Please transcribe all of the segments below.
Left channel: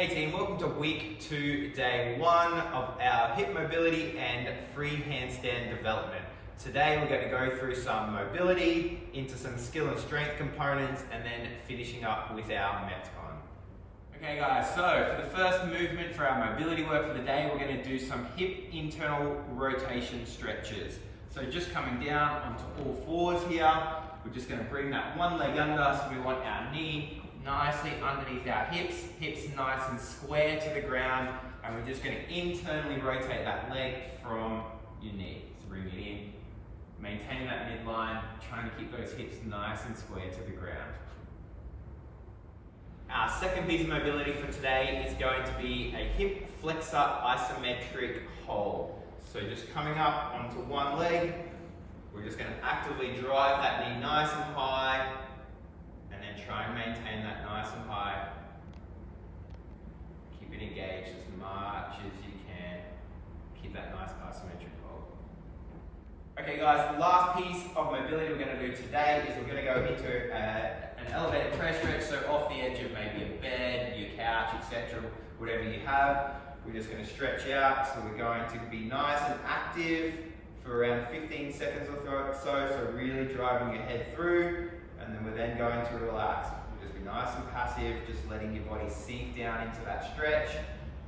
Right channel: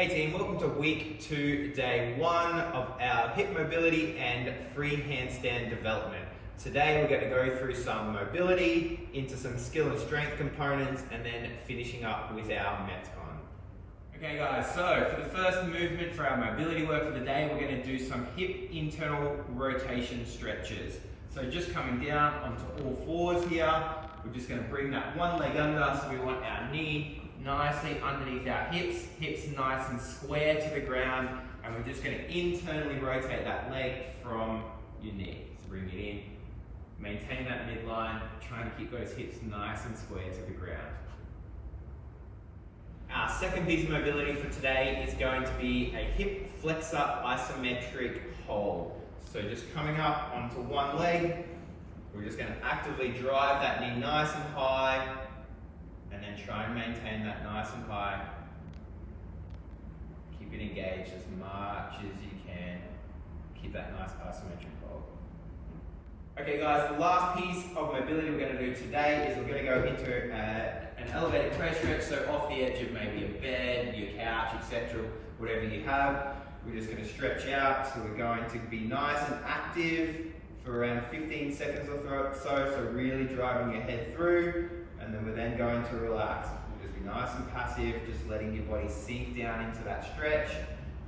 Hey team, welcome to week 2, day 1 of our hip mobility and free handstand development. Today we're going to go through some mobility, into some skill and strength components, and then finishing up with our Metcon. Okay guys, so for the first movement for our mobility work for the day, we're going to do some hip internal rotation stretches. So just coming down onto all fours here, we're just going to bring that one leg under, so we want our knee nicely underneath our hips, hips nice and square to the ground, and we're just going to internally rotate that leg from your knee. So bring it in, maintain that midline, trying to keep those hips nice and square to the ground. Our second piece of mobility for today is going to be a hip flexor isometric hold. So just coming up onto one leg, we're just going to actively drive that knee nice and high, and then try and maintain that nice and high. Keep it engaged as much as you can. Keep that nice isometric hold. Okay guys, the last piece of mobility we're going to do today is we're going to go into an elevated toe stretch, so off the edge of maybe a bed, your couch, etc., whatever you have. We're just going to stretch out, so we're going to be nice and active for around 15 seconds or so really driving your head through, and then we're then going to relax. We'll just be nice and passive, just letting your body sink down into that stretch.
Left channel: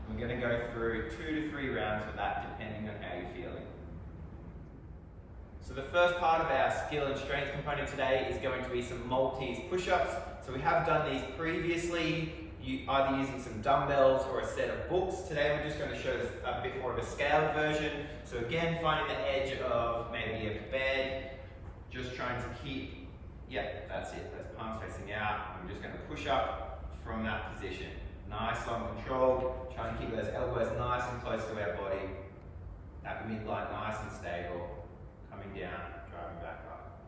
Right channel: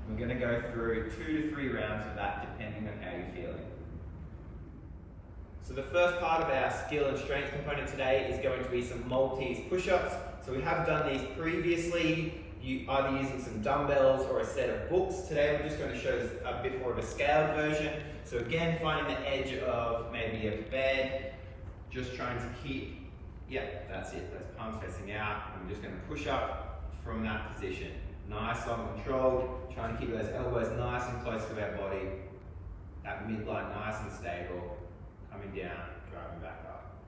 We're going to go through 2 to 3 rounds of that depending on how you're feeling. So the first part of our skill and strength component today is going to be some Maltese push-ups. So we have done these previously, either using some dumbbells or a set of books. Today we're just going to show a bit more of a scaled version. So again, finding the edge of maybe a bed, just trying to keep, yep, that's it, that's palms facing out, and we're just going to push up from that position. Nice, long, controlled, trying to keep those elbows nice and close to our body, that midline nice and stable, coming down, driving back up.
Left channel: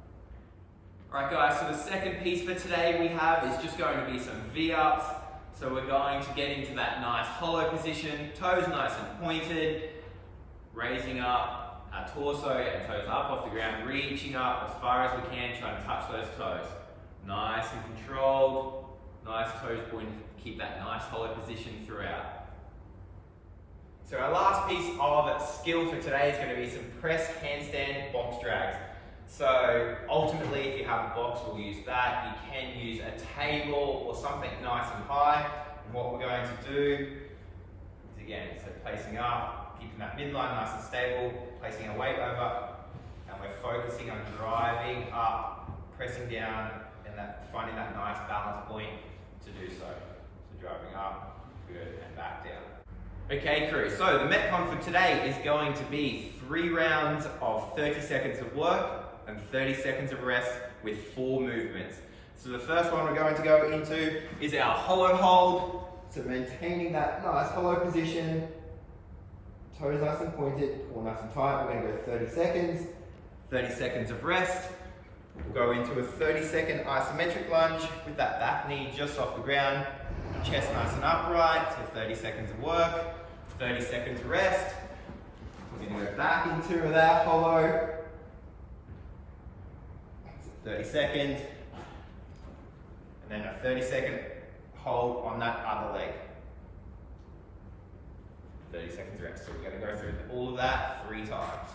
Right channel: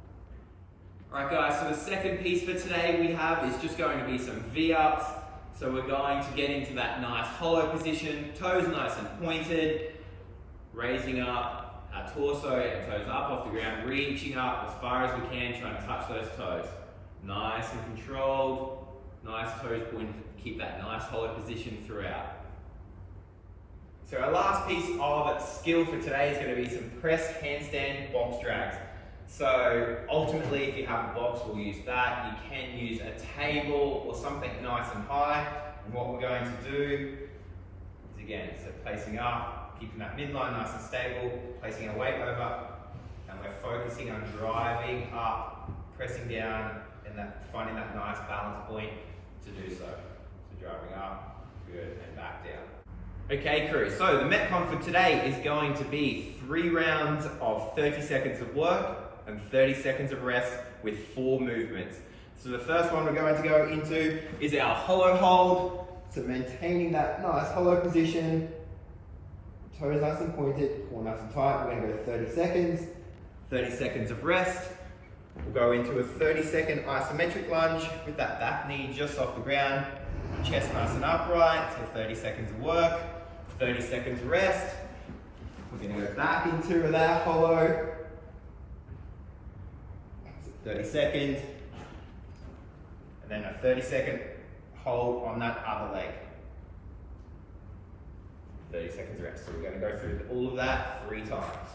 Alright guys, so the second piece for today we have is just going to be some V-ups. So we're going to get into that nice hollow position, toes nice and pointed, raising up our torso and toes up off the ground, reaching up as far as we can, trying to touch those toes. Nice and controlled, nice toes pointed, keep that nice hollow position throughout. So our last piece of skill for today is going to be some press handstand box drags. So ultimately, if you have a box, we'll use that. You can use a table or something nice and high. And what we're going to do is, again, so placing up, keeping that midline nice and stable, placing our weight over, and we're focusing on driving up, pressing down, and finding that nice balance point to do so. So driving up, good, and back down. Okay crew, so the Metcon for today is going to be 3 rounds of 30 seconds of work and 30 seconds of rest with 4 movements. So the first one we're going to go into is our hollow hold. So maintaining that nice hollow position, toes nice and pointed, core nice and tight. We're going to go 30 seconds, 30 seconds of rest. We'll go into a 30-second isometric lunge with that back knee just off the ground, chest nice and upright, so 30 seconds of work, 30 seconds of rest. We're going to go back into that hollow, 30 seconds, and then a 30-second hold on that other leg. 30 seconds rest. So we're going to go through all of that 3 times.